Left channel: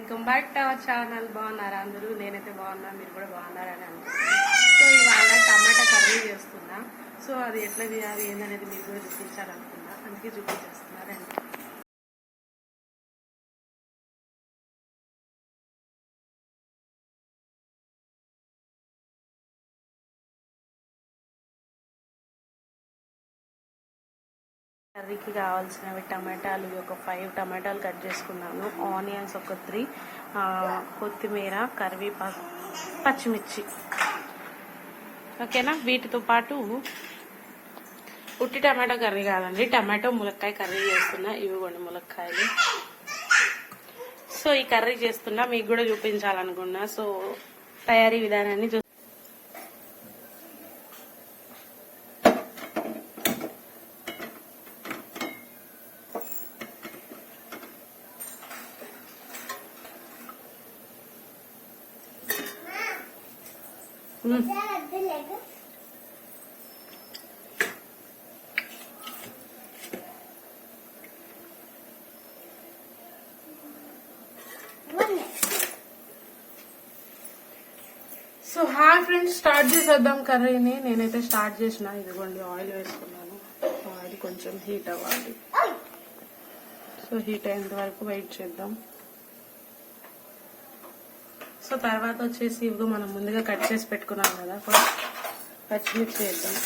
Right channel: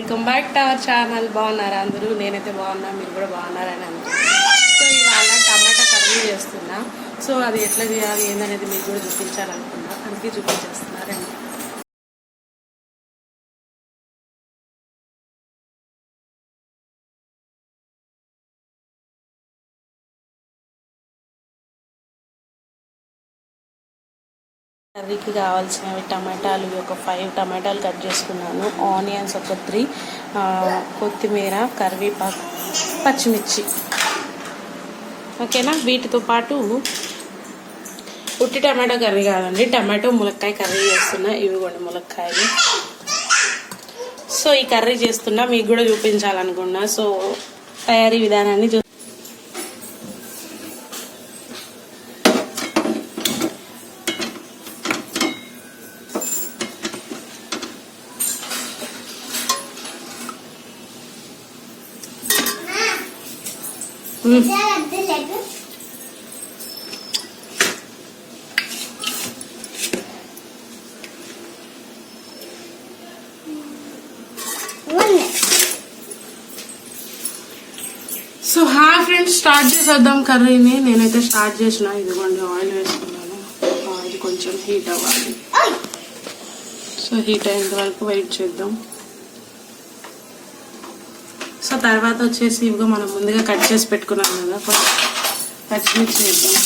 Welcome back to our channel. బాగున్నారా అందరూ? నేనైతే బాగున్నా, మీరు కూడా బాగున్నారని అనుకుంటున్నాను. సో ఇవాళ టమాటా కర్రీ చేస్తున్నా. సో అది ఎట్లా చేయాలి ఏందనేది మీకు కూడా చూపించాలనుకున్నా, అందుకే చూపించేస్తున్నారండి. కర్రీకి కావాల్సినవి టమాటాలు ఒక 5 టమాటాలు కట్ చేసుకున్నాను, ఆనియన్స్ ఒక 3, కొత్తిమీర, కరివేపాకు, పచ్చిమిర్చి. ఓకేనా? వీటితో పాటు ఉట్టి టమాటా కర్రీ కాదండి, టమాటో ములక్కాయ కర్రీ చేస్తున్నా. ఇవిగోండి ములక్కాయలు. సో ఈ కర్రీ చేస్తున్నా, మీకు కూడా చూపించాలనుకున్నా. సో తయారీ విధానాన్ని సో ఫ్రెండ్స్, స్టార్ట్ చేసేద్దాం కర్రీని. నేనైతే స్టార్ట్ చేసిన. ఇదిగోండి ఆయిల్ వేసుకున్నాను. ఆయిల్ కొంచెం హీట్ అవ్వాలి. సో హీట్ అయ్యేంత వరకు వెయిట్ చేద్దాం. సో తర్వాత వచ్చేసి ఇవిగా మనం ముందుగా కట్ చేసి పెట్టుకున్నాం కదా, పచ్చిమిర్చి వేద్దాం.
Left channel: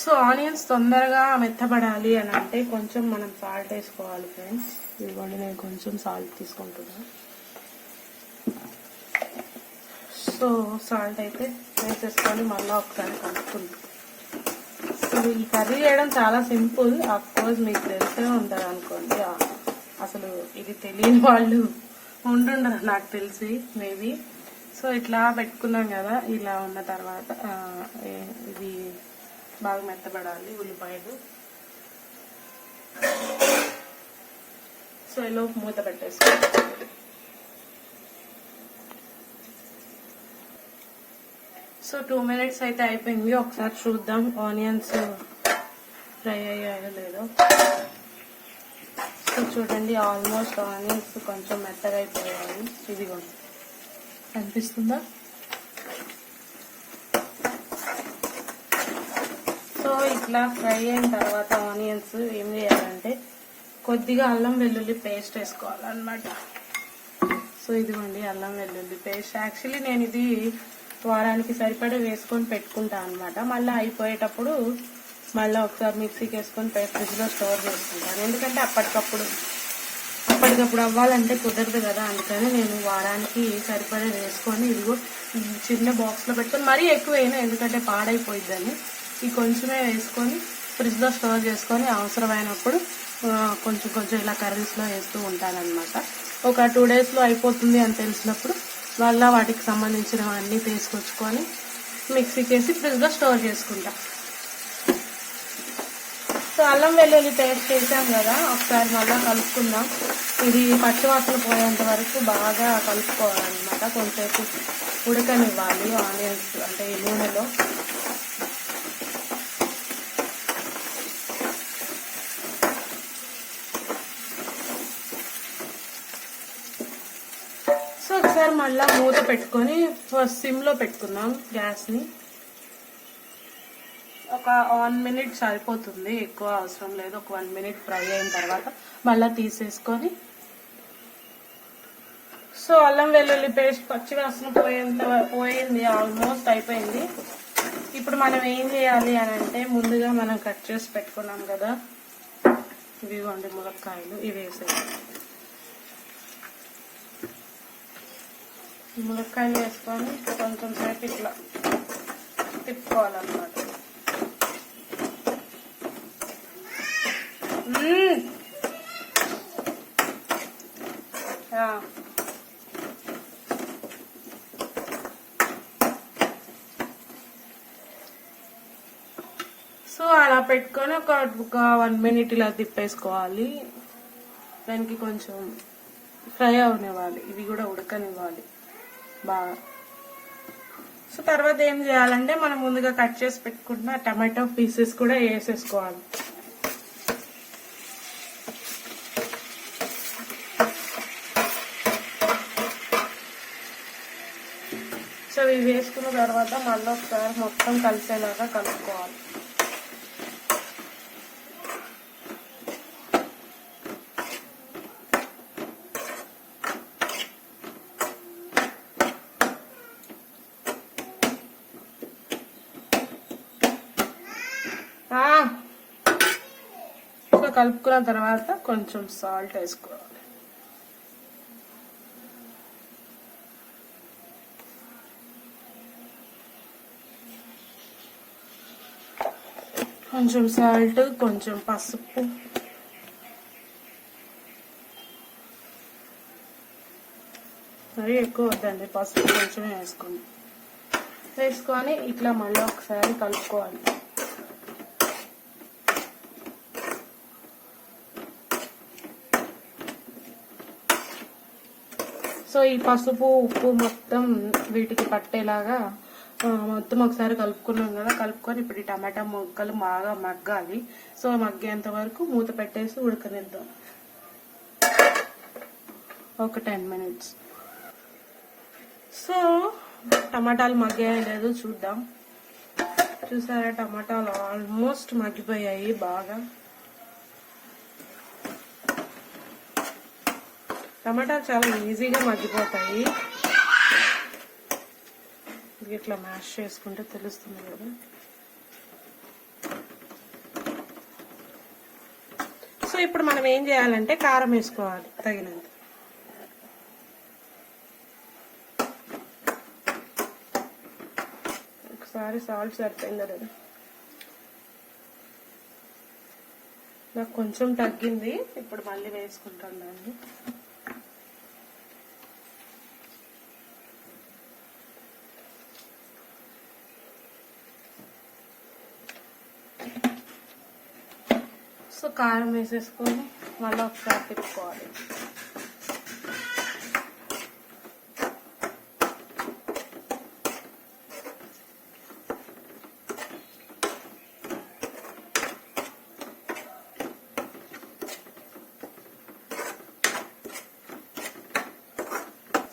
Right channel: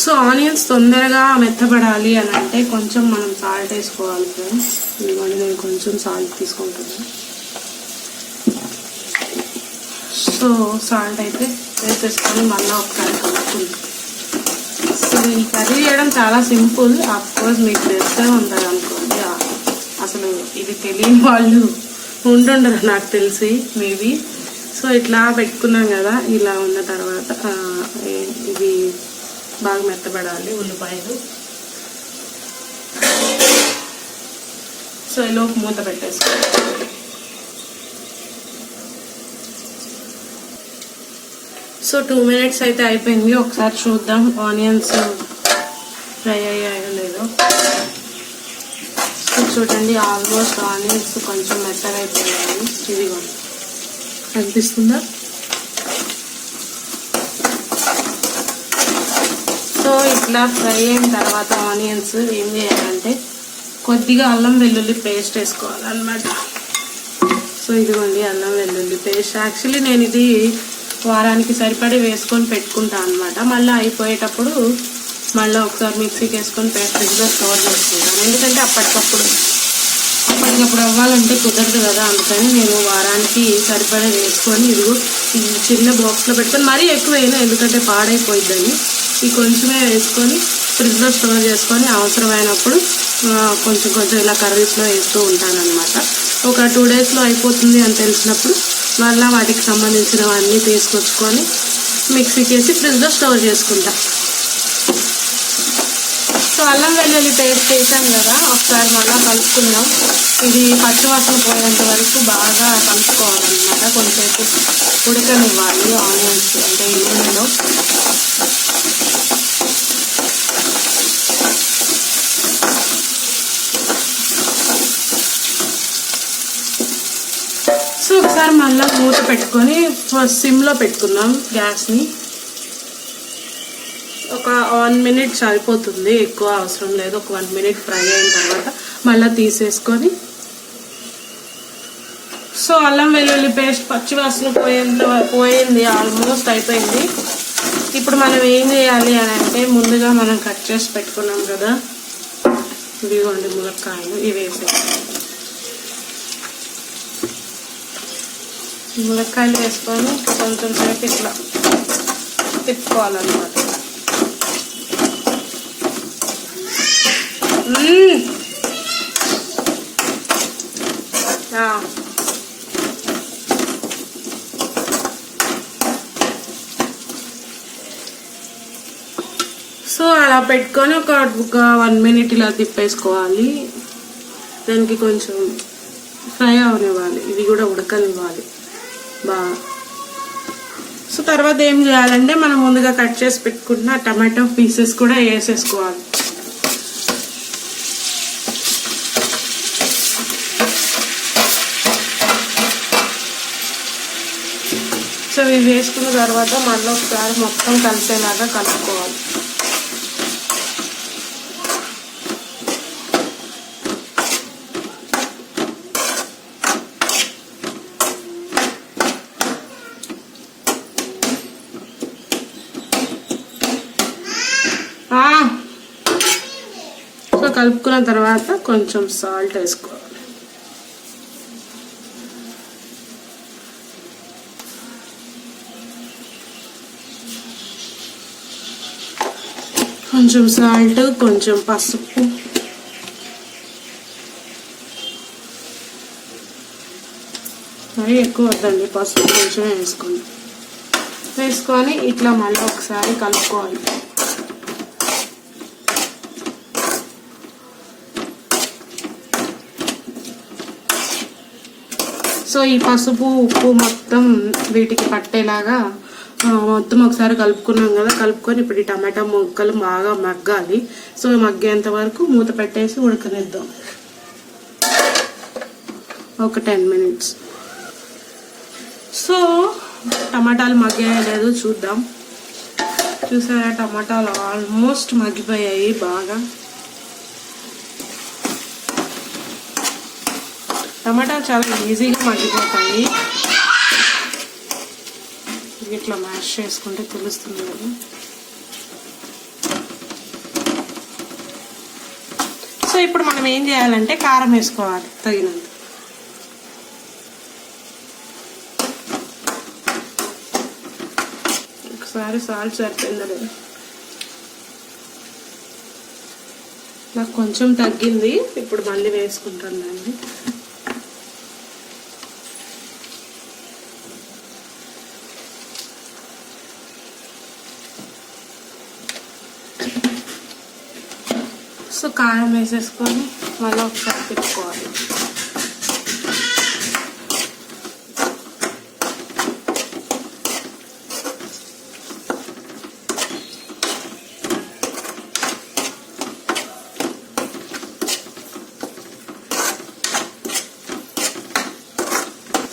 సో ఆనియన్స్ తొందరగా మెత్తబడాలి అని అంటే కొంచెం మనం సాల్ట్ వేసుకోవాలి ఫ్రెండ్స్. ఇదిగోండి నేను కొంచెం సాల్ట్ తీసుకుంటున్నాను. సో సాల్ట్ అయితే వేసేసుకొని మళ్ళీ ఒకసారి కలుపుతుంది. సో ఈ కర్రీ చేయడం చాలా సింపుల్. అఫ్కోర్స్ మీకు తెలిసే ఉంటుంది అనుకోండి. అసలు ఇది తెలియని వాళ్ళు ఉంటుండరు నాకు తెలిసి, మేబీ. సో ఇట్లా పెట్టుకున్నాం కదా, ఇలా ఉన్న తర్వాత ఇది బాగా మెత్తబడాలి ఉల్లిపాయలు. సో ఈలోపు మూత పెట్టేసుకోవాలి. సో 2 minutes అయితే అయిపోయింది. ఒకసారి చూద్దాం ఆనియన్స్ ఫ్రై అయ్యాయో లేదో. సో చూడండి, ఆల్మోస్ట్ ఆనియన్స్ కొంచెం మెత్తగా అయిపోయాయి. ఇదిగో కనిపిస్తుందా? సో ఇట్లా ఫ్రై అయిన తర్వాత ఆనియన్స్ ఏం చేయాలంటే కొద్దిగా అల్లం వెల్లుల్లి పేస్ట్ వేసుకోవాలన్నమాట. సో ఇదిగోండి అల్లం వెల్లుల్లి పేస్ట్. యాక్చువల్లీ నేను ఇది వారానికి సరిపడి వేసుకొని పెట్టుకుంటాను అనమాట. మళ్ళీ అయిపోయేటప్పుడు మళ్ళీ ఒకసారి మిక్సీకి వేసుకొని ఫ్రిడ్జ్లో స్టోర్ చేసుకుంటాను. ఎందుకంటే అప్పటికప్పుడు అవ్వాలంటే కుదరదు కదా, అందుకని నేను వారానికి సరిపడా వేసుకొని ఇదిగో ఈ చిన్న బాక్స్లో పెట్టుకొని, మరీ ఎక్కువ వేయను ఎందుకంటే పాడైపోయిద్దని. ఈ కొంచెమే వేసుకొని ఫ్రిడ్జ్లో స్టోర్ చేసుకొని అవసరమైనప్పుడు కొంచెం ఇలా కర్రీస్లో వేస్తూ ఉంటానన్నమాట. ఒక 2 daysలో అయిపోతుంది అని తెలిసినప్పుడు మళ్ళీ వాటికి సంబంధించినవన్నీ తీసుకొచ్చుకొని మిక్సీకి వేసి ఫ్రిడ్జ్లో స్టోర్ చేసుకుంటా. సో అల్లం వెల్లుల్లి పేస్ట్ వేసాం కదా, ఒకసారి మళ్ళీ కలుపుకుందాం. ఇది పచ్చివాసన పోయేంత వరకు బాగా కలుపుకోవాలన్నమాట. కొంచెంసేపు ఉడకనివ్వాలి ఆనియన్స్ అంటే ఈ నూనెలో. సో ఒకసారి మళ్ళీ మూత పెట్టుకొని సిమ్లో పెట్టుకున్నాం గ్యాస్ని. ఒక 1 minute సరిపోతుంది, ఎక్కువ అవసరం లేదు. ఒక 1 minute ఫ్రై అయిన తర్వాత మళ్ళీ తీసేసుకొని, సో అల్లం వెల్లుల్లి పేస్ట్ పచ్చివాసన పోయింది, ఆల్మోస్ట్ అయిపోయింది. ఇప్పుడు మనం ఏం చేయాలి అని అంటే, ముందుగా మనం కట్ చేసి పెట్టుకున్నాం కదా ఇదిగోండి ములక్కాయలు, ఇవి వేసేయాలి. ములక్కాయలు వేసుకొని కొంచెం సేపు ఇట్లా తిప్పుకోవాలన్నమాట. సో అలా పెట్టుకొని ఒక 1 minute ఇలా తిప్పేసుకోవాలి. దానికి కొంచెం ఫ్రై అవనివ్వాలి, ఇవి కూడా ఉడకనివ్వాలి బాగా. సో తర్వాత ఏం చేయాలంటే, మనం ముందుగా కట్ చేసి పెట్టుకున్న టమాటో పీసెస్ కూడా వేసేసుకోవాలి. సో ఇవి వేసుకున్న తర్వాత మళ్ళీ ఒకసారి మొత్తం కలిసేలాగా కలుపుకోవాలి. సో కలుపుకున్న తర్వాత కొంచెం సాల్ట్ వేసుకోవాలి. కొంచెం సాల్ట్, కొంచెం పసుపు, మరి ఎక్కువ వద్దండి, పసుపు కొంచెం వేసుకొని ఇట్లా మళ్ళీ ఒకసారి కలుపుకోవాలి. సో ఈ పసుపు ఉప్పు మొత్తం వీటికి పట్టేలాగా మొత్తం ఒకసారి కలుపుకున్నాం కదా. కలుపుకొని ఇప్పుడు ఈ టమాటా ముక్కలు బాగా మగ్గాలి. సో మగ్గేంత వరకు మూత పెట్టేసి ఉడకనిద్దాం ఒక 10 minutes. సో టమాటాలు మగ్గాయో లేదో చూద్దాం. చూసారా, టమాటాలు ఆల్మోస్ట్ మగ్గిపోయాయి బాగా. టమాటాలు చాలా ఈజీగా మగ్గిపోతాయి, ఇట్లా మ్యాష్ చేసుకుంటే తెలుస్తుంది కదా. సో ఇప్పుడు మనం ఏం చేయాలంటే, కారం వేసుకోవాలి తగినంత. ఒకసారి సాల్ట్ సరిపోయిందా లేదా, నాకు కొంచెం తగ్గింది, ఇప్పుడు మళ్ళీ వేసుకుంటాను దాన్ని. సో కారం వేసేసుకొని మళ్ళీ ఒకసారి తిప్పుకోవాలి.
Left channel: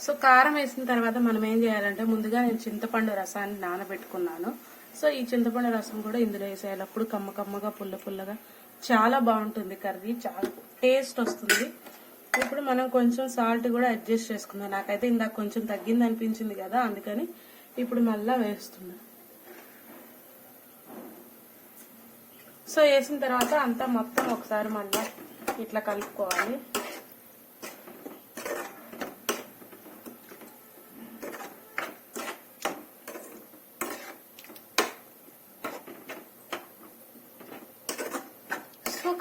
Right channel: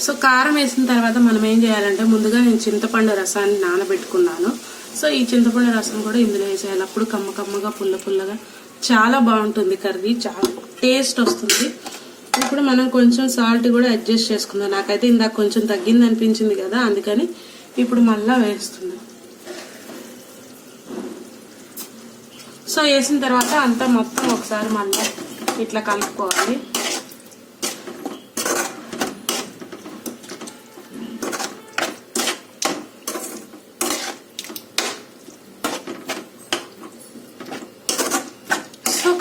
సో కారం వేసిన తర్వాత మనం ఏం చేయాలంటే, ముందుగా నేను చింతపండు రసాన్ని నానబెట్టుకున్నాను. సో ఈ చింతపండు రసం కూడా ఇందులో వేసేయాలి. అప్పుడు కమ్మ కమ్మగా పుల్లగా చాలా బాగుంటుంది కర్రీ, చాలా టేస్ట్ వస్తుంది. ఇప్పుడు మనం కొంచెం సాల్ట్ కూడా అడ్జస్ట్ చేసుకుందాం. నాకైతే ఇందాక కొంచెం తగ్గింది అనిపించింది కదా, అందుకని ఇప్పుడు మళ్ళీ వేస్తున్నాం. సో వేసిన తర్వాత అంతా మొత్తం ఒకసారి మళ్ళీ ఇట్లా కలుపుకోవాలి.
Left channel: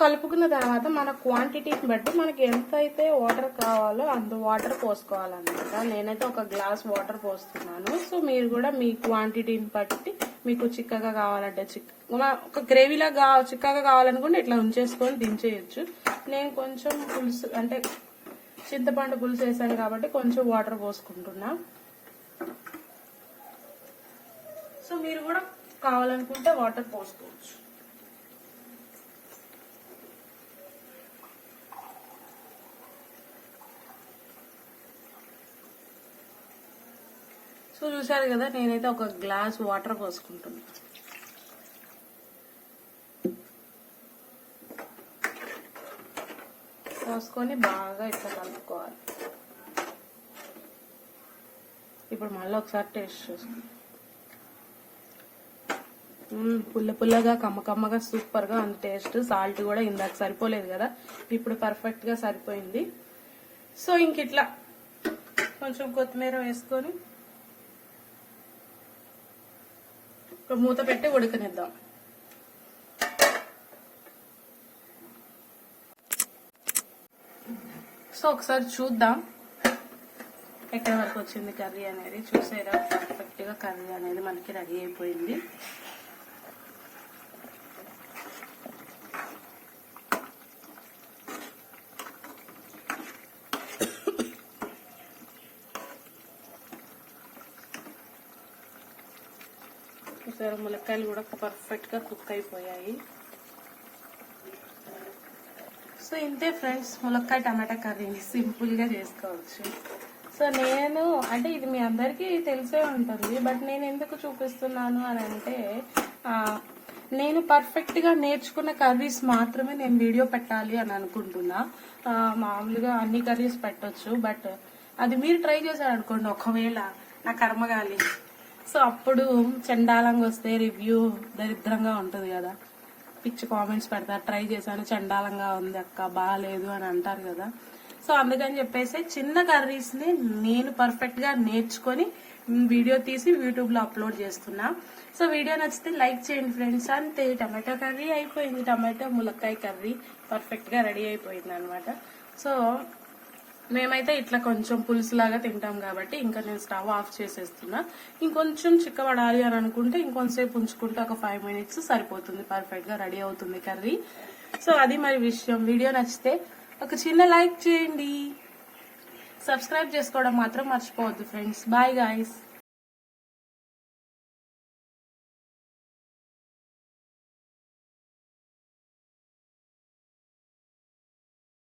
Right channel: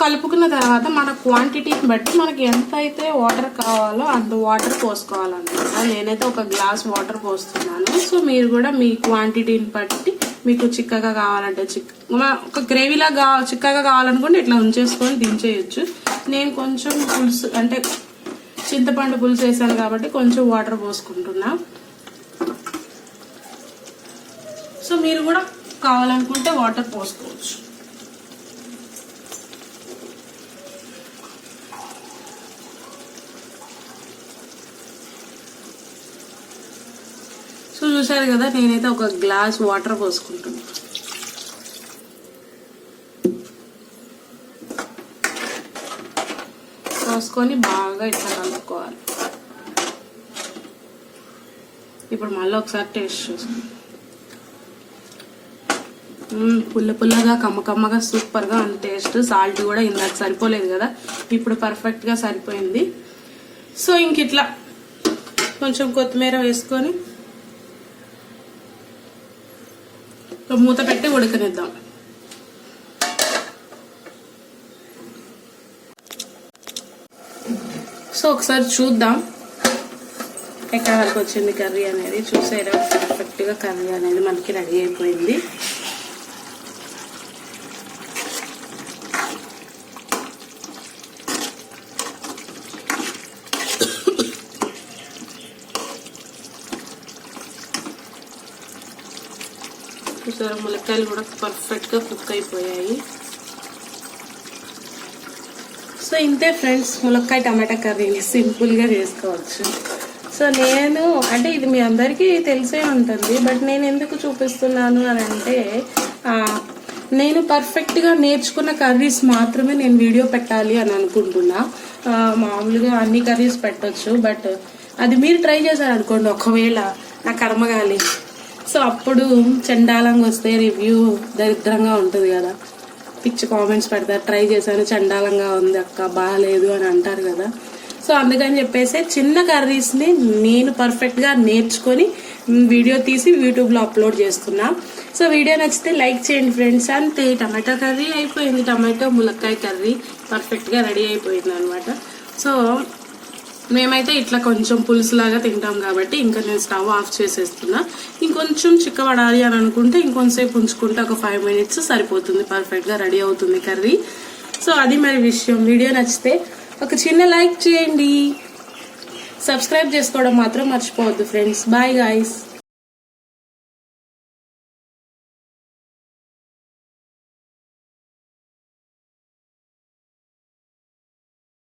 కలుపుకున్న తర్వాత మన క్వాంటిటీని బట్టి మనకి ఎంత అయితే వాటర్ కావాలో అంత వాటర్ పోసుకోవాలన్నమాట. నేనైతే ఒక గ్లాస్ వాటర్ పోస్తున్నాను. సో మీరు కూడా మీ క్వాంటిటీని బట్టి, మీకు చిక్కగా కావాలంటే ఒక గ్రేవీలా చిక్కగా కావాలనుకుంటే ఇట్లా ఉంచేసుకొని దించేయచ్చు. నేను కొంచెం పులుసు అంటే చింతపండు పులుసు వేసాను కాబట్టి కొంచెం వాటర్ పోసుకుంటున్నా. సో మీరు కూడా కావాలనుకుంటే వాటర్ పోసుకోవచ్చు. సో చూసారు కదా, నేనైతే ఒక గ్లాస్ వాటర్ పోసుకుంటున్నాను. పోసుకొని బాగా ఇట్లా కలుపుకోవాలి. ఇప్పుడు మళ్ళీ ఒకసారి టేస్ట్ చూసుకోండి. పుల్ల పుల్లగా కమ్మకమ్మగా సూపర్గా ఉంది టేస్ట్. సాల్ట్ కూడా ఇందాక సరిపోలేదు కదా, ఇప్పుడు పర్ఫెక్ట్గా సరిపోయింది. సో ఇంక ఇట్లా కొంచెం కొత్తిమీర వేసుకొని మూత పెట్టి ఉడకనిద్దాం. సో ఒకసారి చూద్దాం ఎక్కడ వరకు వచ్చింది కర్రీ అనేది. చూసారా, పర్ఫెక్ట్గా కర్రీ అనేది మనకి రెడీ అయిపోయింది. చూసారా, ములక్కాయలు కూడా పర్ఫెక్ట్గా కుక్ అయిపోయాయి. సో ఇంతే ఫ్రెండ్స్, ములక్కాయ టమాటా కర్రీ సింపుల్గా చేసుకోవచ్చు. సో నేను అంటే ఇది మీ అందరికీ తెలిసే ఉంటుంది, బట్ నేను ఎందుకు చూపిస్తున్నాను అని అంటే నేను పర్ఫెక్ట్గా నేర్చుకున్న కర్రీస్ మాత్రమే నేను వీడియో పెట్టాలి అని అనుకుంటున్నా. మామూలుగా అన్ని కర్రీస్ పెట్టచ్చు, బట్ అది మీరు ట్రై చేశారనుకోండి, ఒకవేళ నా కర్మగాలి, సో అప్పుడు చండాలంగా వస్తే రివ్యూ దరిద్రంగా ఉంటుంది కదా, పిచ్చి కామెంట్స్ పెడతారు, ట్రై చేశాను చండాలంగా ఉంది అక్క, బాగాలేదు అని అంటారు కదా. సో అందుకని చెప్పేసి చిన్న కర్రీస్ని నేను పర్ఫెక్ట్గా నేర్చుకొని వీడియో తీసి యూట్యూబ్లో అప్లోడ్ చేస్తున్నా. సో వీడియో నచ్చితే లైక్ చేయండి ఫ్రెండ్స్. అంతే, టమాటా కర్రీ అయిపోయింది. టమాటో ములక్కాయ కర్రీ పర్ఫెక్ట్గా రెడీ అయిపోయింది అనమాట. సో మేమైతే ఇట్లా కొంచెం పులుసులాగా తింటాం కాబట్టి ఇంకా నేను స్టవ్ ఆఫ్ చేసేస్తున్నా. ఇంకొంచెం చిక్కబడాలి అని అనుకుంటే ఇంకొంచెంసేపు ఉంచుకుంటే ఒక 5 minutes సరిపోతుంది, పర్ఫెక్ట్గా రెడీ అవుతుంది కర్రీ. సో అది మరి విషయం. వీడియో నచ్చితే ఒక చిన్న లైక్ చేయండి, సబ్స్క్రైబ్ చేసుకోవడం మాత్రం మర్చిపోవద్దు ఫ్రెండ్స్. Bye guys.